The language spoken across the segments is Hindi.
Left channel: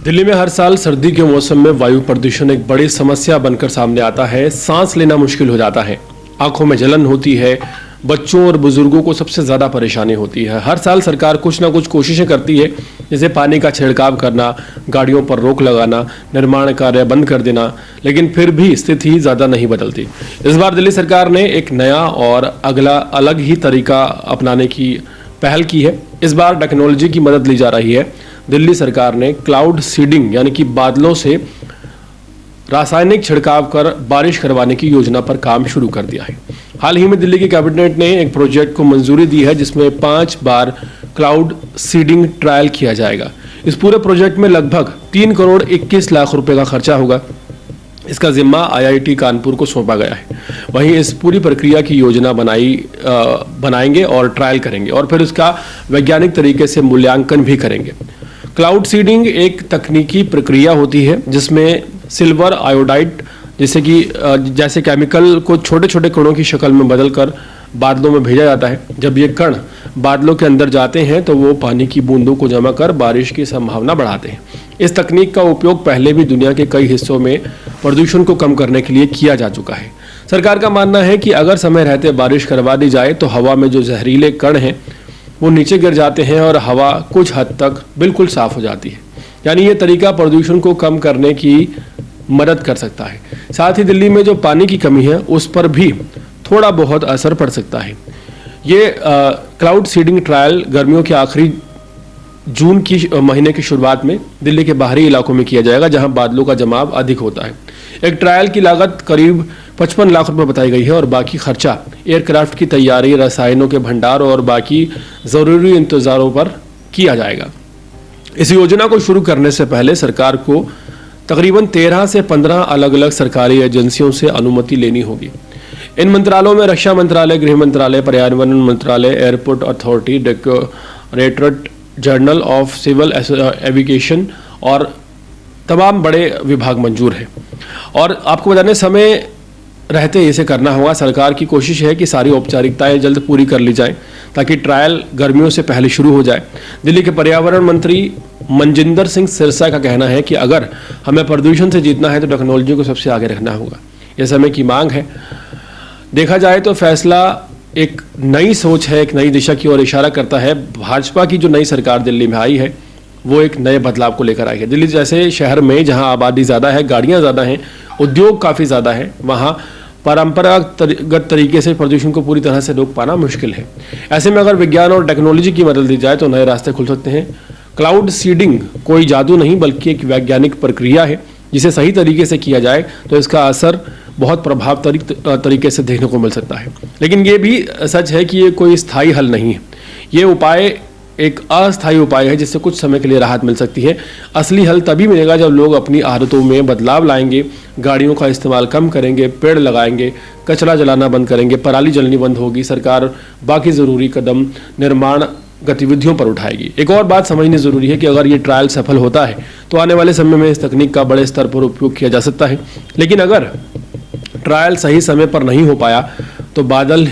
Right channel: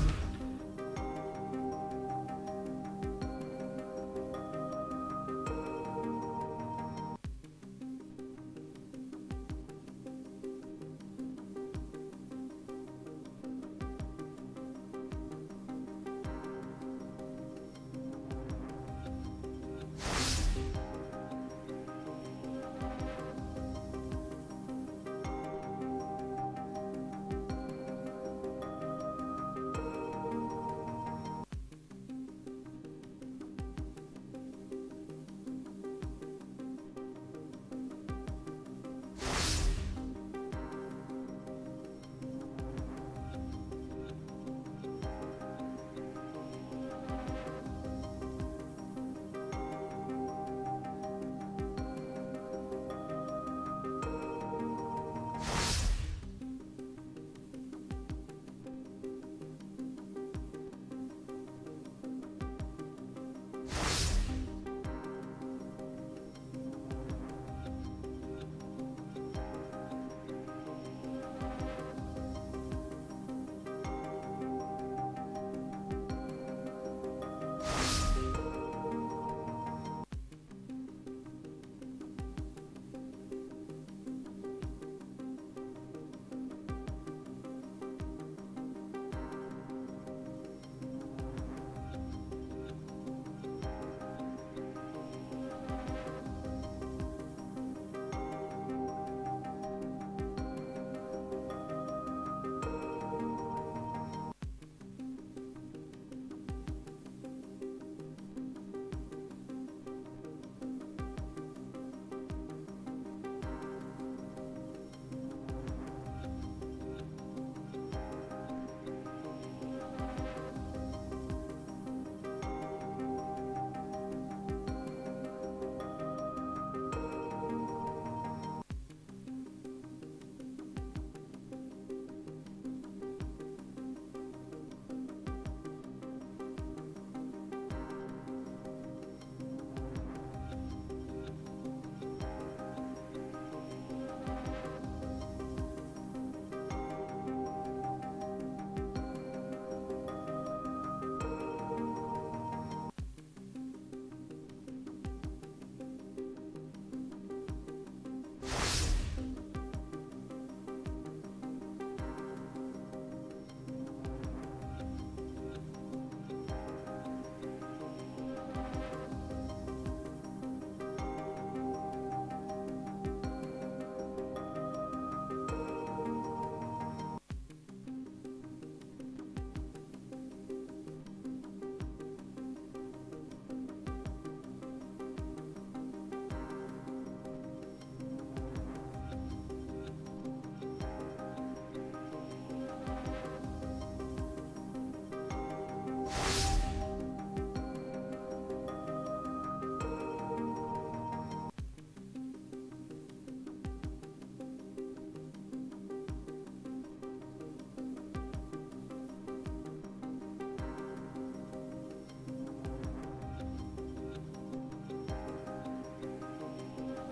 दिल्ली में हर साल सर्दी के मौसम में वायु प्रदूषण एक बड़ी समस्या बनकर सामने आता है। सांस लेना मुश्किल हो जाता है, आंखों में जलन होती है, बच्चों और बुजुर्गों को सबसे ज़्यादा परेशानी होती है। हर साल सरकार कुछ ना कुछ कोशिशें करती है, जैसे पानी का छिड़काव करना, गाड़ियों पर रोक लगाना, निर्माण कार्य बंद कर देना, लेकिन फिर भी स्थिति ज़्यादा नहीं बदलती। इस बार दिल्ली सरकार ने एक नया और अलग ही तरीका अपनाने की पहल की है। इस बार टेक्नोलॉजी की मदद ली जा रही है। दिल्ली सरकार ने क्लाउड सीडिंग यानी कि बादलों से रासायनिक छिड़काव कर बारिश करवाने की योजना पर काम शुरू कर दिया है। हाल ही में दिल्ली की कैबिनेट ने एक प्रोजेक्ट को मंजूरी दी है, जिसमें 5 बार क्लाउड सीडिंग ट्रायल किया जाएगा। इस पूरे प्रोजेक्ट में लगभग 3 करोड़ 21 लाख रुपए का खर्चा होगा। इसका जिम्मा IIT कानपुर को सौंपा गया है। वहीं इस पूरी प्रक्रिया की योजना बनाएंगे और ट्रायल करेंगे और फिर उसका वैज्ञानिक तरीके से मूल्यांकन भी करेंगे। क्लाउड सीडिंग एक तकनीकी प्रक्रिया होती है जिसमें सिल्वर आयोडाइड जैसे केमिकल को छोटे छोटे कणों की शक्ल में बदलकर बादलों में भेजा जाता है। जब ये कण बादलों के अंदर जाते हैं तो वो पानी की बूंदों को जमा कर बारिश की संभावना बढ़ाते हैं। इस तकनीक का उपयोग पहले भी दुनिया के कई हिस्सों में प्रदूषण को कम करने के लिए किया जा चुका है। सरकार का मानना है कि अगर समय रहते बारिश करवा दी जाए तो हवा में जो जहरीले कण हैं वो नीचे गिर जाते हैं और हवा कुछ हद तक बिल्कुल साफ हो जाती है। यानी ये तरीका प्रदूषण को कम करने की मदद कर सकता है। साथ ही दिल्ली में जो पानी की कमी है उस पर भी थोड़ा बहुत असर पड़ सकता है। ये क्लाउड सीडिंग ट्रायल गर्मियों के आखिरी जून की महीने की शुरुआत में दिल्ली के बाहरी इलाकों में किया जाएगा, जहां बादलों का जमाव अधिक होता है। एक ट्रायल की लागत करीब 55 लाख रुपए बताई गई है और बाकी खर्चा एयरक्राफ्ट की तैयारी, रसायनों के भंडार और बाकी जरूरी इंतजारों पर किया जाएगा। इस योजना को शुरू करने से पहले सरकार को तकरीबन 13 से 15 अलग अलग सरकारी एजेंसियों से अनुमति लेनी होगी। इन मंत्रालयों में रक्षा मंत्रालय, गृह मंत्रालय, पर्यावरण मंत्रालय, airport authority, directorate general of civil aviation और तमाम बड़े विभाग मंजूर हैं। और आपको बताने समय रहते इसे करना होगा। सरकार की कोशिश है कि सारी औपचारिकताएं जल्द पूरी कर ली जाएं ताकि ट्रायल गर्मियों से पहले शुरू हो जाए। दिल्ली के पर्यावरण मंत्री मनजिंदर सिंह सिरसा का कहना है कि अगर हमें प्रदूषण से जीतना है तो टेक्नोलॉजी को सबसे आगे रखना होगा। यह समय की मांग है। देखा जाए तो फैसला एक नई सोच है, एक नई दिशा की ओर इशारा करता है। भाजपा की जो नई सरकार दिल्ली में आई है वो एक नए बदलाव को लेकर आई है। दिल्ली जैसे शहर में जहां आबादी ज़्यादा है, गाड़ियां ज़्यादा हैं, उद्योग काफ़ी ज़्यादा है, वहां परंपरागत तरीके से प्रदूषण को पूरी तरह से रोक पाना मुश्किल है। ऐसे में अगर विज्ञान और टेक्नोलॉजी की मदद दी जाए तो नए रास्ते खुल सकते हैं। क्लाउड सीडिंग कोई जादू नहीं बल्कि एक वैज्ञानिक प्रक्रिया है, जिसे सही तरीके से किया जाए तो इसका असर बहुत प्रभावशाली तरीके से देखने को मिल सकता है। लेकिन ये भी सच है कि ये कोई स्थायी हल नहीं है। ये उपाय एक अस्थायी उपाय है जिससे कुछ समय के लिए राहत मिल सकती है। असली हल तभी मिलेगा जब लोग अपनी आदतों में बदलाव लाएंगे, गाड़ियों का इस्तेमाल कम करेंगे, पेड़ लगाएंगे, कचरा जलाना बंद करेंगे, पराली जलनी बंद होगी। सरकार बाकी ज़रूरी कदम निर्माण गतिविधियों पर उठाएगी। एक और बात समझनी ज़रूरी है कि अगर ये ट्रायल सफल होता है तो आने वाले समय में इस तकनीक का बड़े स्तर पर उपयोग किया जा सकता है। लेकिन अगर ट्रायल सही समय पर नहीं हो पाया तो बादल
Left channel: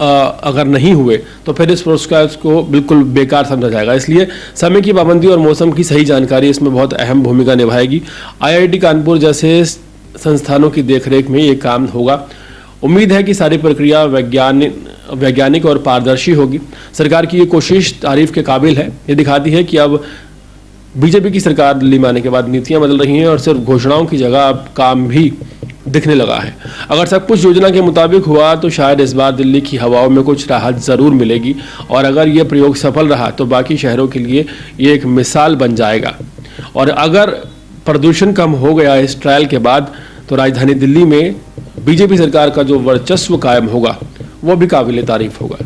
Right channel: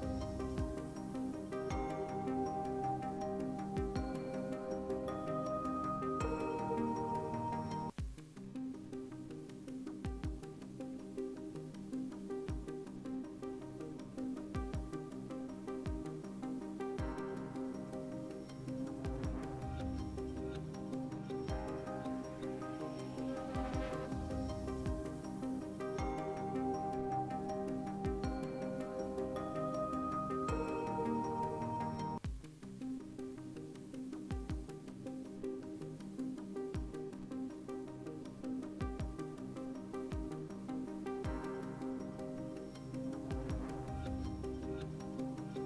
अगर नहीं हुए तो फिर इस प्रोसेस को बिल्कुल बेकार समझा जाएगा। इसलिए समय की पाबंदी और मौसम की सही जानकारी इसमें बहुत अहम भूमिका निभाएगी। IIT कानपुर जैसे संस्थानों की देखरेख में ये काम होगा। उम्मीद है कि सारी प्रक्रिया वैज्ञानिक और पारदर्शी होगी। सरकार की ये कोशिश तारीफ के काबिल है। ये दिखाती है कि अब बीजेपी की सरकार दिल्ली में आने के बाद नीतियां बदल रही हैं और सिर्फ घोषणाओं की जगह अब काम भी दिखने लगा है। अगर सब कुछ योजना के मुताबिक हुआ तो शायद इस बार दिल्ली की हवाओं में कुछ राहत ज़रूर मिलेगी और अगर ये प्रयोग सफल रहा तो बाकी शहरों के लिए ये एक मिसाल बन जाएगा। और अगर प्रदूषण कम हो गया इस ट्रायल के बाद तो राजधानी दिल्ली में बीजेपी सरकार का जो वर्चस्व कायम होगा वो भी काबिल तारीफ होगा।